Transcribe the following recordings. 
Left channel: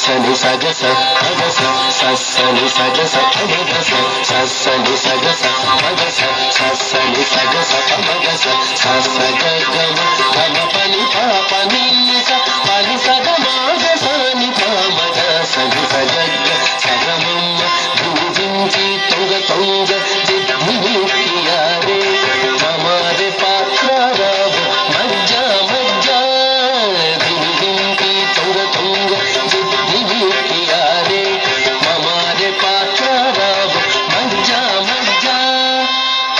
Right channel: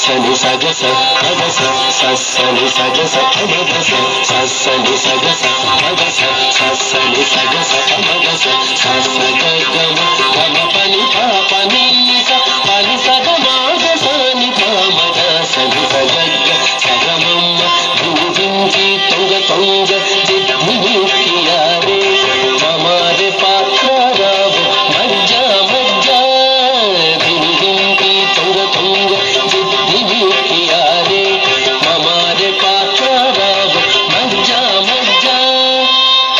సని సగస మగస సని సగస మగస సని సగస మగస సని సగస మగస సగ గమ గమ పని పని పని సగ మగ సని మగ సని సగ సగమమ్మ భూజించి తొంగ తొంగ జిద్ధియారే మమారే పాత్రారావు మజ్జ మజ్జ దింకి తొంగ తొంగ జిద్ధియారే మమారే పాత్రారావు మజ్జ మజ్జ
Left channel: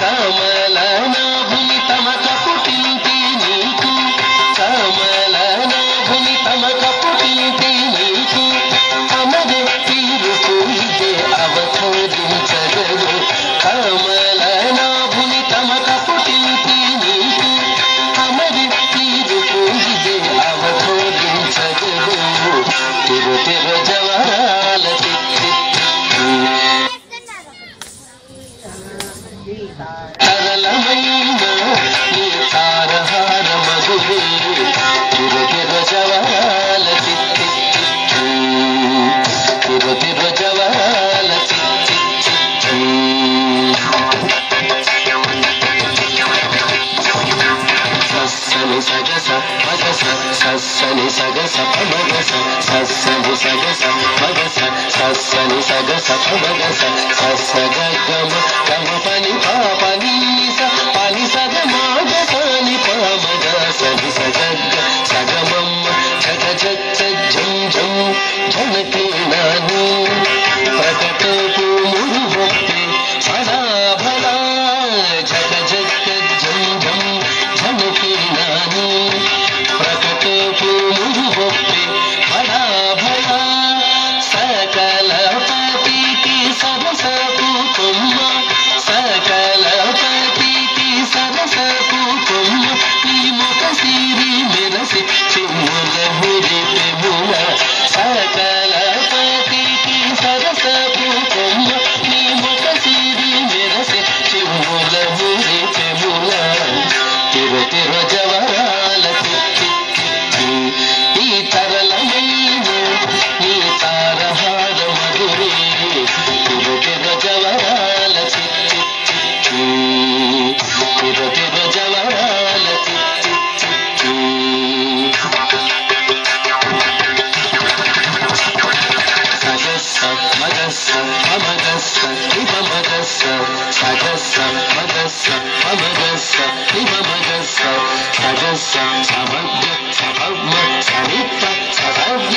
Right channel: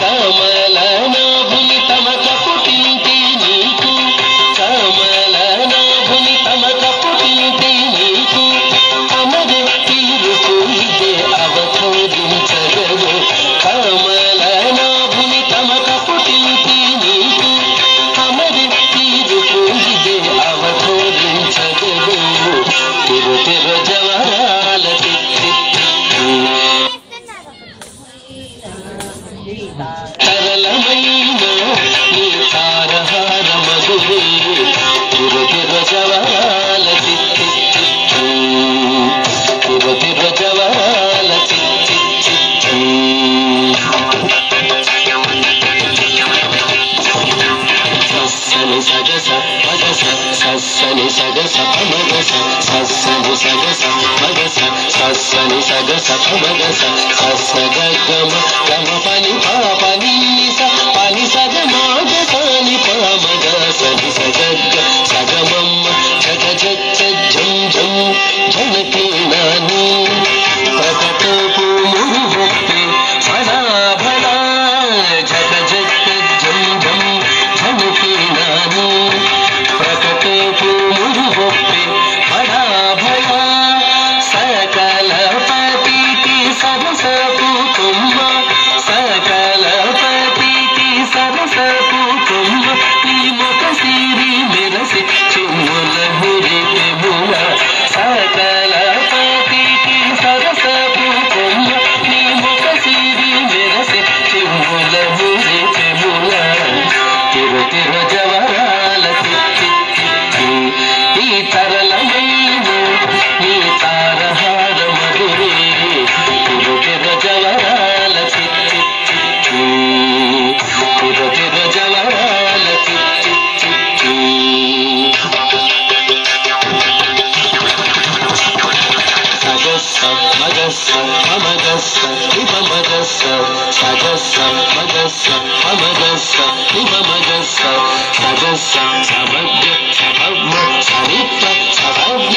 కమలనాభుని తమ కపుటింటి నీకు కమలనాభుని తమ కపుటింటి నీకు అమరే తీరుకు ఇదే అవతోదించగలు కమలనాభుని తమ కపుటింటి నీకు అమరే తీరుకు ఇదే అవతోదించగలు తిరు తిరు జవరాల తరళమైన నీ తారహార మధురే తిరు తిరు జవరాల తిరు తిరు జవరాల సని సగస మగస సని సగస మగస సని సగస మగస సని సగస మగస సగ గమ గమ పని పని పని సగ మగ సని మగ సని సగ సగమమ్మ జగ జగ జం జం జనకి నాని ప్రకటకు మురుభక్తి సదా భలా జగ జగ జం జం జనకి నాని ప్రకటకు మురుభక్తి బడా భలా సకల పతికి సరసపు తుమ్మ సకల పతికి సరసపు తుమ్మ ఈ మొక సిరి మెరసి చుమ్ముల మురికి ముల సకల పతికి సరసపు తుమ్మ ఈ మొక సిరి మెరసి చుమ్ముల మురికి ముల తిరు తిరు జవరాల ఈ తరళమైన నీ తారహార మధురే తిరు తిరు జవరాల తిరు తిరు జవరాల సగస్స మగస్స అమగస్స ఇవమగస్స సగస్స మగస్స అమగస్స ఇవమగస్స సగస్స సమగ్ర సభమ్మ సరిత్ర సభజ్ఞ